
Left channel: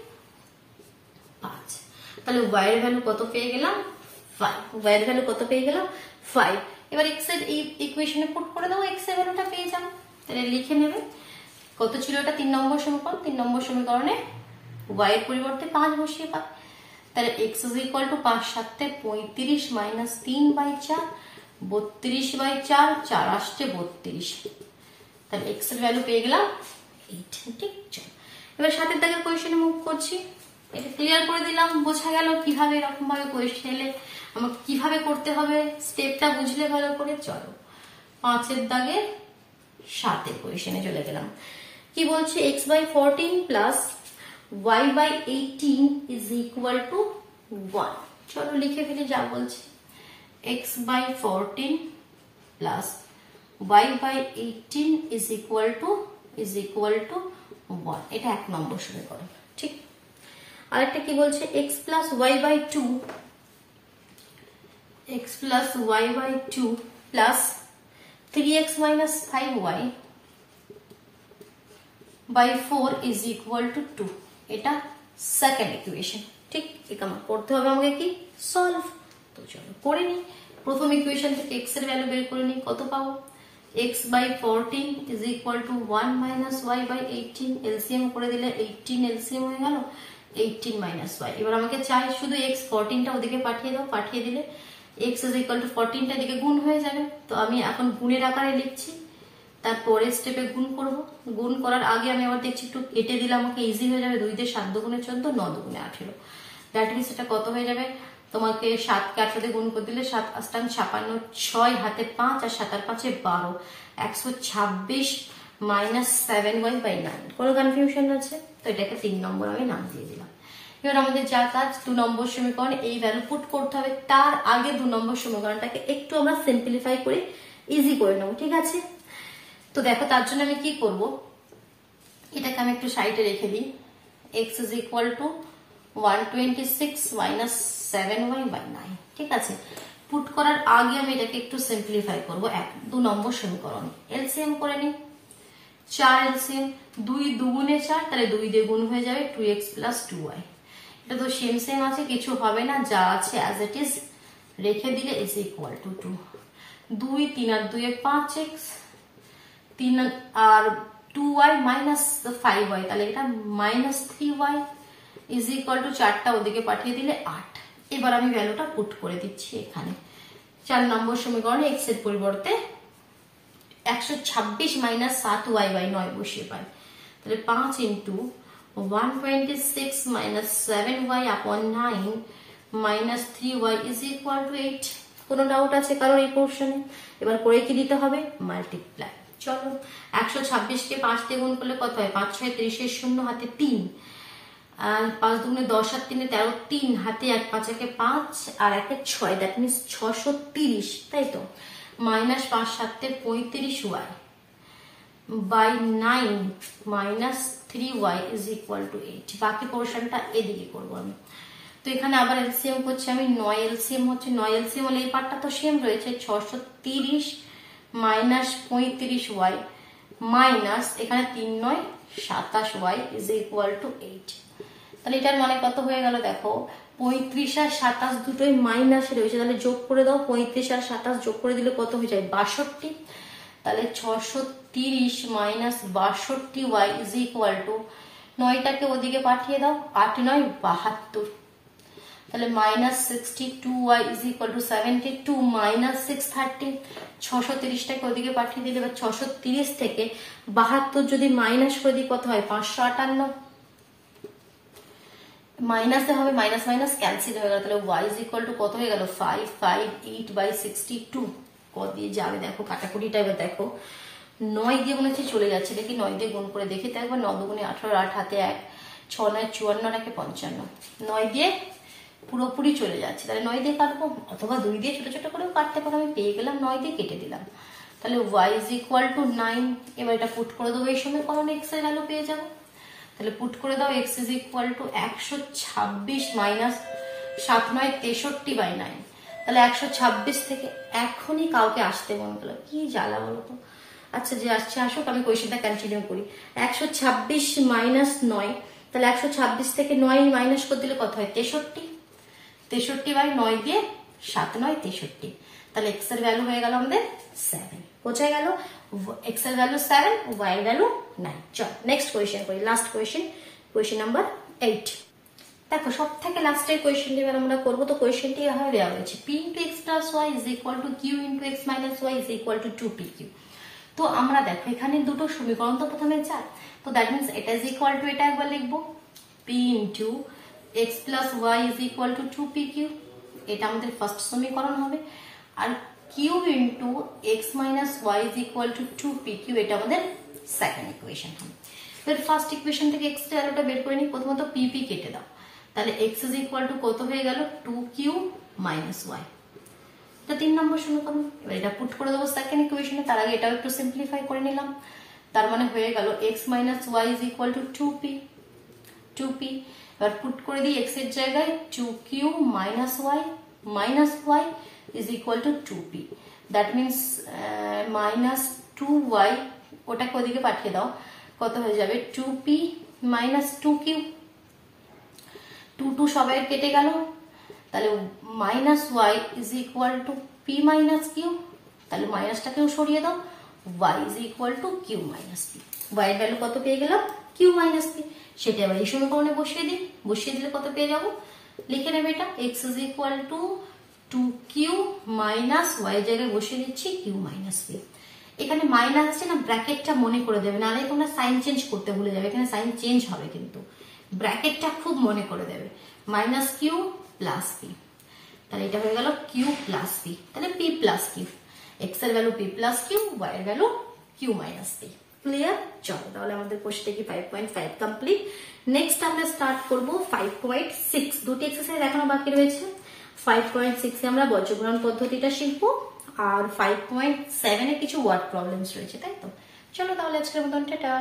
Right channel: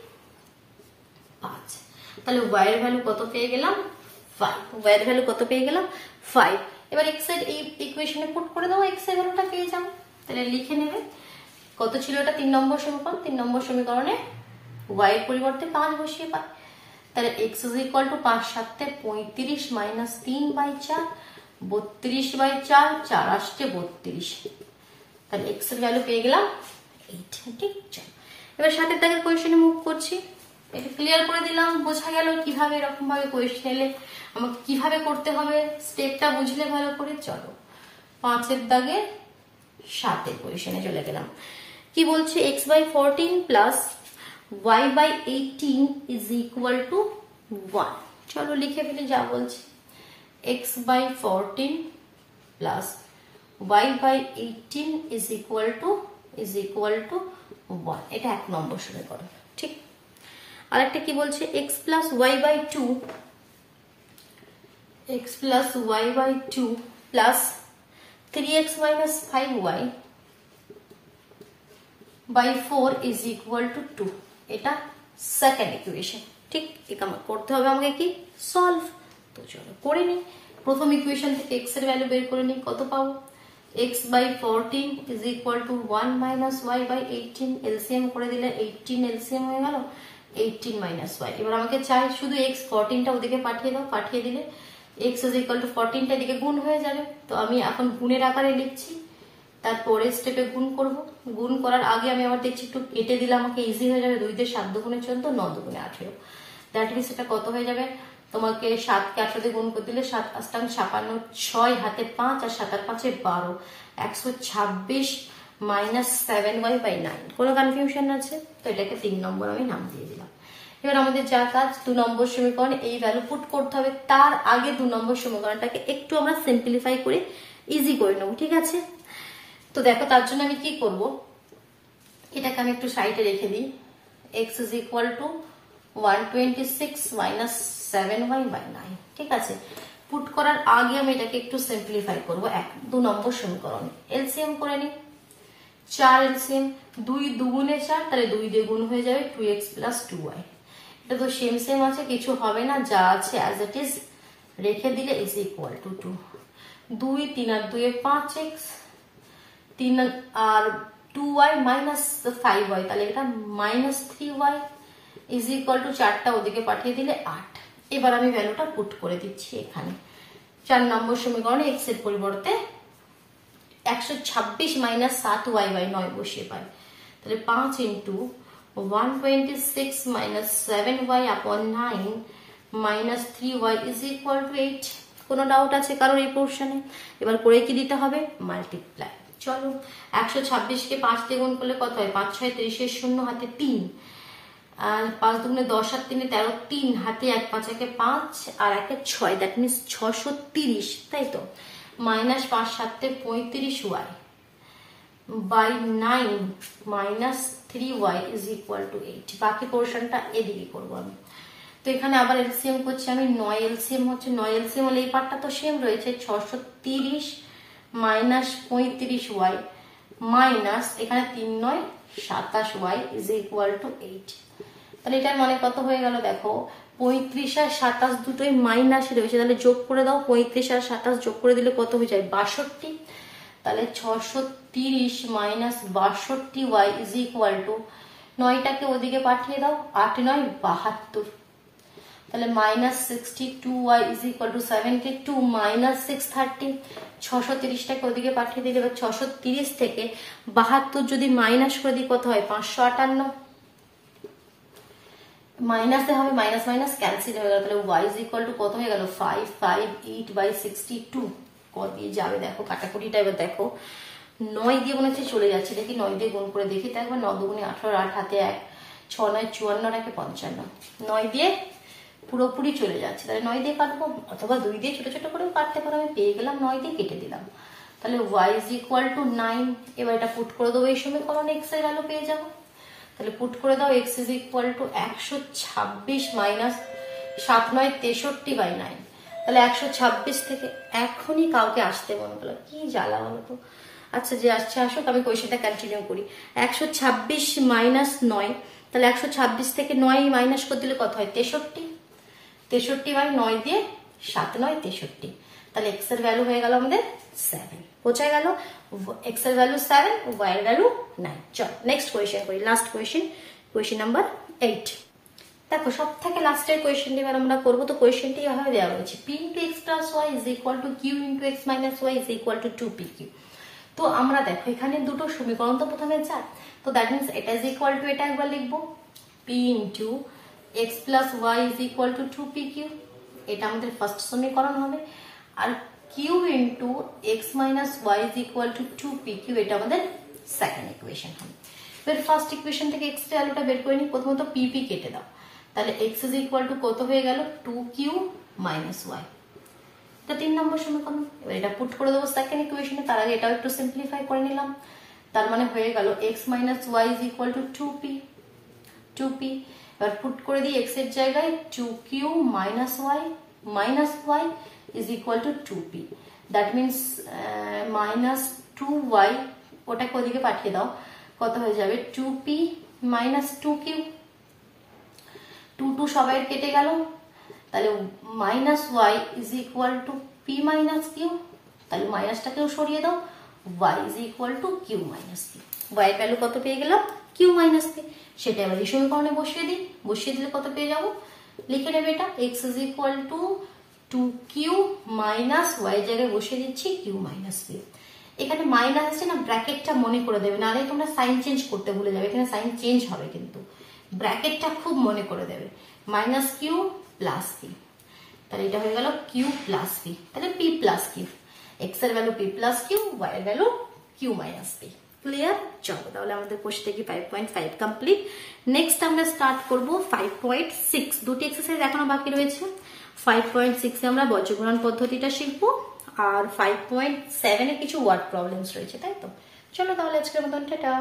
5। তাহলে y এর ভ্যালু কত পেয়ে গেলাম 5, y এর ভ্যালু কত পেয়ে গেলাম 5। এবার x এর এই ইকুয়েশনে পুট করে দাও, x এর ভ্যালুটা পেয়ে যাবে। তাহলে লিখে নেবে কত ছিল এটা 3 নম্বর সমীকরণ, 3 নম্বর সমীকরণে y এর পরিবর্তে 5 বসিয়ে পাই। তাহলে x is equal two 5 7 35 minus 3/4 32/4, 4 আসছে 32। তাহলে x এর ভ্যালু পেয়ে গেলাম 8। ঠিক আছে, এবার সাথের দাগের কোয়েশ্চেনে মুভ করছি। এটা ক্লিয়ার করে দিলাম, বোঝা গেল কিভাবে এরকম ভাবে কোয়েশ্চেন এলে আমাকে কিভাবে করতে হবে, স্টেপটা বুঝলে ভালো করে। চলো 5 এর দাগে 7 এর কোয়েশ্চেনে চলে গেলাম। কি বলছে x/14 plus y/18 is equal to 1। চলো লিখে ফেলি যা বলছে, x/14 plus y/18 is equal to 1। এটা 1 নম্বর সমীকরণ। ঠিক, আরেকটা কি বলছে x plus y/2 plus 3x minus 5y/4 is equal to 2। এটা সেকেন্ড ইকুয়েশন। ঠিক, এটা করতে হবে আমাকে কি সলভ। তো চলো করে নি। প্রথম ইকুয়েশন থেকে x এর ভ্যালু বের করে নি, কত পাবো x/14 is equal to 1 minus y/18। LCM করে দিলে 18 এলসিএম হয়ে গেল 18 মাইনাস y। এবার আমাকে চাই শুধু x 14টা ওদিকে পাঠিয়ে দাও, পাঠিয়ে দিলে x ইজ ইকুয়াল টু 14টা দিকে গুণ হয়ে যাবে। তো আমি এখন গুণের আকারে লিখছি, তারপরে স্টেপে গুণ করব। গুণ করার আগে আমি আবার দেখছি একটু কেটে দিলে আমাকে ইজি হয়ে যাবে। 2 দিয়ে 7 দুগুণে 14, 9 দুগুণে 18। দ্যাট মিনস এটা কত হয়ে যাবে, তোমাকে 7 কে 8 দিয়ে গুণ করে দিলে 7 8 56, 6 হাতে 5 আর 7 আর 5 12, 126 মাইনাস 7y/9। কোনো কনফিউশন আছে? তো এটাকে 3 নম্বর আমি নাম দিয়ে দিলাম। এবার আমাদের যা কাজ 2 নম্বর সমীকরণে এই ভ্যালু পুট করতে হবে। তার আগে 2 নম্বর সমীকরণটাকে একটু আমরা সিম্পলিফাই করে ইজি করে নেব। ঠিক আছে, তো দেখো তার জন্য আমি কি করব, এটাকে আমি একটু সাইডে রেখে দিই। x is equal to 126 minus 7y/9। ঠিক আছে, পুট করার আগে আমি এটাকে একটু সিম্পলিফাই করবো। 2 নম্বর সমীকরণ এলসিএম করে নিই। 4 এলসিএম, 2 দুগুণে 4, তাহলে 2 দিয়ে গুণ হয়ে যাবে 2x প্লাস 2y। এটা তো সেম আছে, কিছু হবে না, যা আছে অ্যাজ ইট ইজ রেখে দিলে ইজ ইকুয়াল টু 2। 2 3 আর 2 5x, 3 আর 2y মাইনাস 5y, তাহলে এটা minus 3y is equal two 4টা ওদিকে পাঠিয়ে দিলে 8। এবার আমি ভ্যালুটা পুট করে দিচ্ছি এখানে। 4 নম্বর সমীকরণে x এর পরিবর্তে 126 মাইনাস 7y/9 বসিয়ে পাই। তাহলে 5 into 126 minus 7y/9 minus 3y is equal to 8। কোনো ডাউট আছে কারণ এই পোর্শনে? এবার করে কি দিতে হবে, মাল্টিপ্লাই। চলো 126 কে 5 দিয়ে গুণ করলে কত হয়, 5 6 30 0 হাতে 3, আর 5 দুগুণে 10 আর 3 13, 3 হাতে 1 5 একে 5 আর 1 6, দ্যাট মিনস 630, তাই তো। Minus 5 7 35y by 9 minus 3y is equal to 8। বাকি পোর্শনটা এদিকে করবো আমি। তো এখানে আবার এলসিএম করছি আমি, 9 এলসিএম হচ্ছে, 9 এলসিএম হলে এই পার্টটা তো সেম রয়েছে, 630 মাইনাস 35y মাইনাস এখানে 3 9 27y ইজ ইকুয়াল টু 8। তাহলে এটার মানে কত হয়ে গেল দেখো, 35 আর 27 দুটোই মাইনাসে রয়েছে, তাহলে যোগ করে দাও। 35 আর 27 যোগ করে দিলে কত হয়ে যায় 62। তাহলে 630 minus 62y is equal to 9টাকে ওদিকে পাঠিয়ে দাও, 8 9 72। তাহলে minus 62y is equal to 72 minus 630। 630টাকে ওদিকে পাঠিয়ে দিলে এবার 630 থেকে 72 যদি মাইনাস করে দিই কত হয় 558। মাইনাসে হবে, মাইনাস মাইনাস ক্যান্সেল হয়ে গেল। তাহলে y ইজ ইকুয়াল টু কত হয়ে গেল 558/62। ক দিয়ে যাবে দেখো, কাটাকুটিটা এবার দেখো। 9 দিয়ে মনে হচ্ছে চলে যাচ্ছে, দেখি 9 দিয়ে গুণ করে দেখি, তাই একবার 9 দুগুণে 18, 8 হাতে 1, 6 9 54, 8 55, 9 দিয়ে পুরোপুরি চলে যাচ্ছে, তাহলে 9 দিয়ে কাটবো, অথবা 2 দিয়ে ছোট ছোট করেও কাটতে পারো, আমি পেয়ে গেলাম 9 দিয়ে কেটে দিলাম। তাহলে y ইজ ইকুয়াল টু 9, এবার এটা পুট করে দেবো, এই সময় কমন x এর ভ্যালু পেয়ে যাবো। তাহলে পুট করে দাও, x is equal to 126 minus 7 9 63 by 9। তাহলে 126 থেকে এখনই কাউকে আসতে মনে হলো, কি জ্বালা বলো তো। আচ্ছা, যে আসছে আসুক, আমি কোয়েশ্চেনটা কন্টিনিউ করি। 126 মাইনাস 9, তাহলে 126 থেকে 9 মাইনাস করে দিলে কত হয়? 63। 63 বাই 9 দিয়ে 7 9 63, তাহলে x এর ভ্যালু হয়ে গেল আমাদের 7। বোঝা গেল? x এর ভ্যালু 7, y এর ভ্যালু 9। চল নেক্সট কোয়েশ্চেন করি, লাস্ট কোয়েশ্চেন, কোয়েশ্চেন নাম্বার 8। দেখো সব থেকে লাস্টের কোয়েশ্চেন এবার আমরা করবো। তো কোয়েশ্চেনটি এভাবে দেওয়া হয়েছে, p into x plus y is equal to q into x minus y is equal to 2pq। তো আমরা দেখো এখানে দুটো সমীকরণ তো প্রথমে যায়, তো দ্যাট মিনস এটা ইজ ইকুয়াল টু, এটা একবার লিখবো p into x plus y is equal to 2pq, এটা আমাদের ফার্স্ট সমীকরণ হবে। আর q into x minus y is equal to 2pq, এটা আমাদের সেকেন্ড ইকুয়েশন হবে। এবার ফার্স্ট ইকুয়েশন থেকে এক্স এর ভ্যালুটা বের করে নিই, প্রথমত pp কেটে দাও, তাহলে x ইজ ইকুয়াল টু কত হয়ে গেল? 2q মাইনাস ওয়াই, এটা 3 নম্বর সমীকরণ। এবার এটা পুট করে দেবো সেকেন্ড ইকুয়েশনে, তার আগে এটাও একটু সিম্পলিফাই করে নিলাম। তার মানে হয়ে গেল x minus y is equal to 2p। এবার পুট করে দিই x এর জায়গায় 2q minus y is equal to 2p, that means minus 2y, ওটাকে ওদিকে পাঠিয়ে দাও, কত হয়ে যাবে? 2p মাইনাস 2q, 2 2 সবাই কেটে গেল, তাহলে minus y is equal to p minus q, তাহলে মাইনাসটাকেও সরিয়ে দাও, y is equal to q minus p. Y এর ভ্যালু কত পেয়ে গেলাম? Q minus p. সেটা আবার এই সমীকরণে বসিয়ে দিই, বসিয়ে দিলে কত পেয়ে যাবো? লিখে নেবে এটা, x is equal to 2q minus y জায়গায় বসিয়ে দিচ্ছি কিউ মাইনাস পি। এখানে মাইনাস আছে না, ব্র্যাকেটটা মনে করে দেবে, নাহলে তোমরা সাইন চেঞ্জ করতে ভুলে যাবে, এখানে সাইন চেঞ্জ হবে কিন্তু ব্র্যাকেটটা খুব মনে করে দেবে, মাইনাস কিউ প্লাস পি, তাহলে এটা হয়ে গেল কিউ প্লাস পি, তাহলে পি প্লাস কিউ, এক্স এর value p plus q, y এর value q minus p. Clear? চলো তাহলে আমাদের কোর্সটা কি 5.5 কমপ্লিট। নেক্সট আমরা স্টার্ট করবো 5.6, দুটি এক্সারসাইজ এখনো বাকি রয়েছে। 5.6 এ আমরা বজ্রগুণন পদ্ধতিটা শিখবো, আর 5.7 এ কিছু ওয়ার্ড প্রবলেমস রয়েছে, তাই তো? চলো তাহলে আজকের মতন টাটা।